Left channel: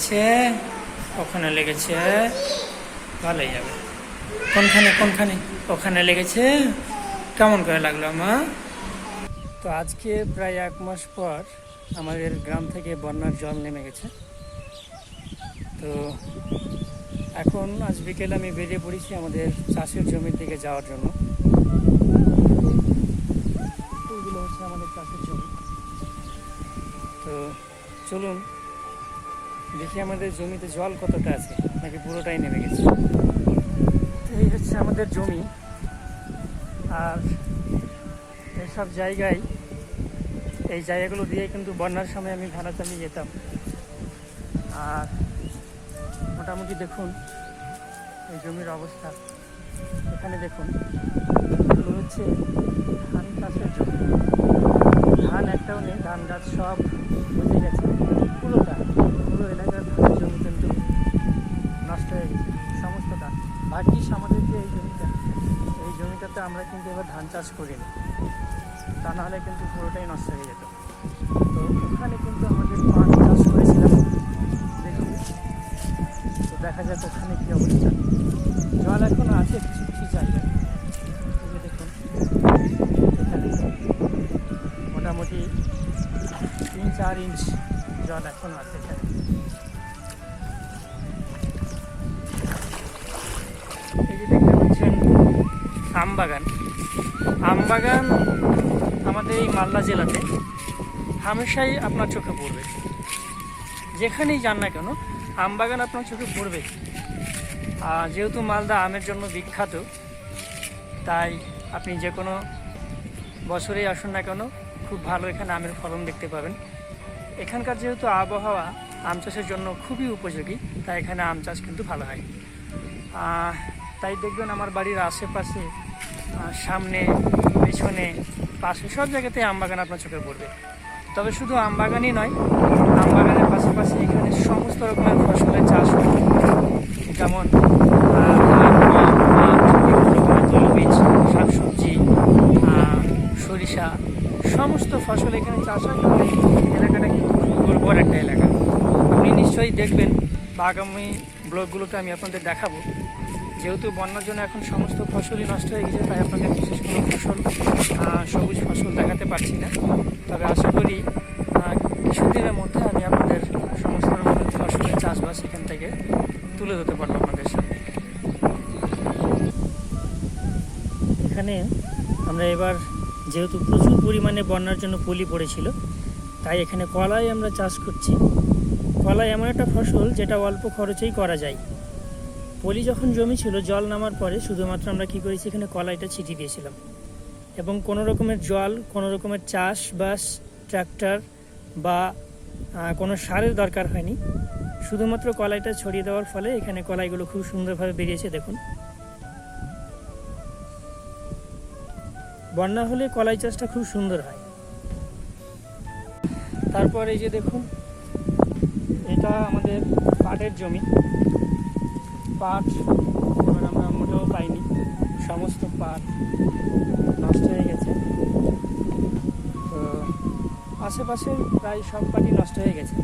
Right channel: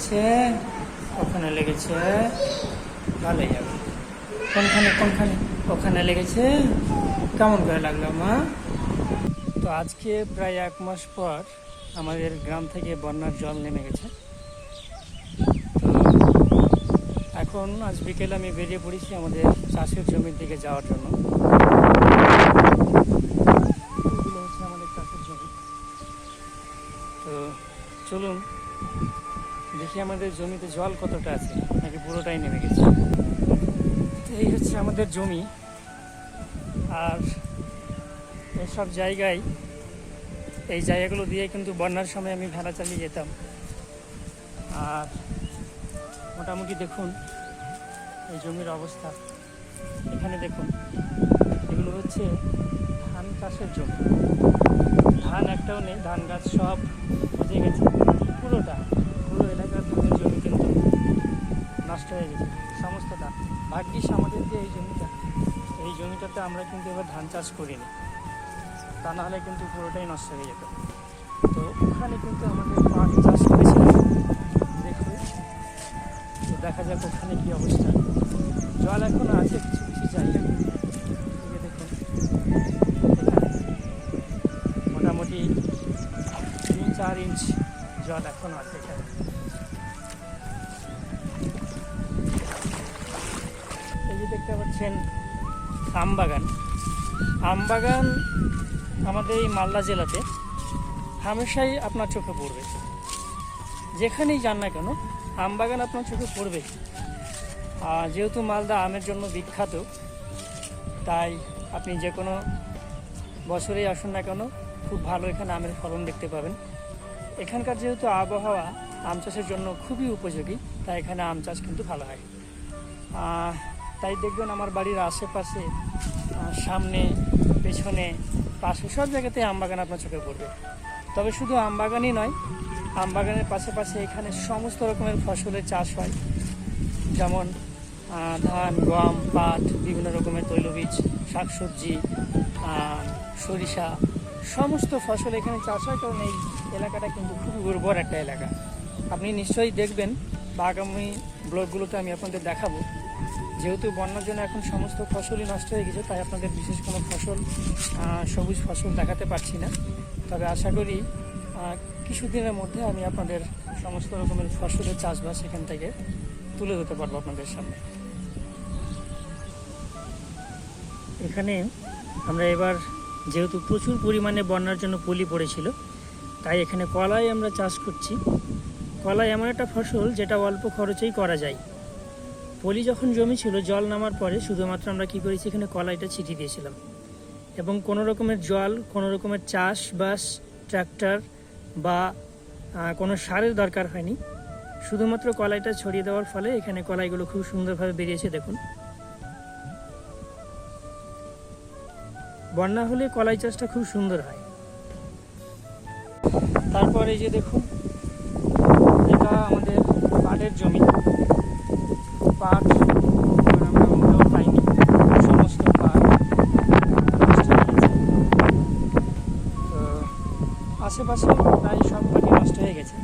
লেগেছে? ওখানে লেগেছে। ভালোই যাবে। কোনখানে কোনখানে? ওখানে লেগেছে। কেমন করে লাগল, মা? তো আজকে প্রায় এক মাস পর আমাদের গ্রাম থেকে বন্যার জল নেমে গেছে। তো এখন আজ বিকেলে আমি বেরিয়ে পড়েছি আমাদের চাষের জমির দিকে যাওয়ার জন্য। আমাদের চাষের জমি। তো চলুন দেখি আমাদের জমিতে জল কতটা আছে। নাকি পুরোটাই নেমে গেছে। তো এই হচ্ছে আমাদের জমি। আর এসব জায়গায় এই জায়গাগুলো দিয়ে কিন্তু বন্যার সময় আমি ভেড়া চালিয়ে যেতাম। আর মোটামুটি দেখুন, এই জমির অবস্থা। এখানে দেখুন, এগুলো হচ্ছে ধান চাষের জমি। ধান একটাও নেই, ধান গাছ সব বুঝে গেছে। ভাগ্যিস আমাদের যে এই জমিটা, এই জমিটাতে আমরা কিন্তু এবার ধান চাষ করিনি। তা নাহলে কিন্তু পুরোটাই নষ্ট হয়ে যেত। তো ওখানে কিন্তু আমাদের পাট চাষ করেছিলাম। দেখুন। তো দেখা যাক ওখানে কী অবস্থা। জল এখন আছে কিছু কিছু যে দেখুন। মোটামুটি তিন চার ইঞ্চ জল এখন আছে এখানে। যে দেখতে পাচ্ছেন আম বাগান আম বাগান আমাদের এই মালদা জেলাতে হামেশাই আপনার চোখে পড়বে। যেখানেই যান না কেন আম বাগান আপনার চোখে পড়বে। আর যেহেতু মালদা আমের জন্য বিখ্যাত, তাই আপনি যে কোনো বছরেই আসুন না কেন, খুব ভালো এখানে আমের ফলন দেখতে পাবেন। এখানকার যেহেতু আবহাওয়া আম চাষের জন্য খুবই উপযোগী, তাই এখানে আম চাষ কিন্তু ভালো হয়। তাই দেখবেন আমার বাড়ির আশেপাশে সামনে পেছনে পাশে সব জায়গাতে আম বাগান আপনার চোখে পড়বে। তবে শুধু আম বাগানই নয় আম বাগানের পাশাপাশি এখানে সমস্ত রকমের ফসলের চাষ হয়। যেমন ধান গম পাট বিভিন্ন রকমের শাকসবজি আহ, সরিষা সমস্ত ফসল এখানে চাষ হয় কারণ এই এলাকাটা উর্বর একটা এলাকা। আপনি নিশ্চয়ই দেখবেন বা আগামী ব্লগগুলোতে আমি আপনাদের দেখাবো যেহেতু বন্যার জন্য এখন সমস্ত ফসলই নষ্ট হয়ে গেছে, তাই আপনাদের বিশেষ কোনো ফসল সবুজ ফসল দেখাতে পারছি না। তবে আশা করি কিছুদিনের মধ্যে আমি আপনাদের সমস্ত রকমের ফসলের চাষবাস এখান থেকে তুলে ধরতে পারব আপনাদের সামনে। এখানে আমরা এবার, যেহেতু প্রচুর পরিমাণে বন্যার জন্য পলি পড়েছিল, তাই এখানে কলাই আমরা চাষ করছি। কলাই এমন একটা ফসল যেটা অল্প খরচেই করা যায়। পলি যখন জমি ছিল, জল নামার পরে শুধুমাত্র আমরা কি করেছি, এখানে কলাইটা ছিটিয়ে দিয়েছিলাম। এবং কোনো রকমের জল, কোনো রকমের চাষবাস ট্র্যাক্টর বা কোনো সারের দরকার হয়নি। শুধুমাত্র কলাইটা ছড়িয়ে দেওয়ার ফলে এখানে কলাইগুলো খুব সুন্দরভাবে বেরিয়েছে, দেখুন। বন্যা হলে কলাই চাষটা খুব সুন্দর হয়। তারপর এই যে দেখুন, এটা আমাদের পাটের জমি। এবার আমরা মোটেও পাইনি সমস্ত পার্ক নষ্ট হয়ে গেছে। তো আশেপাশে প্রায় সব পাটই নষ্ট হয়ে গেছে।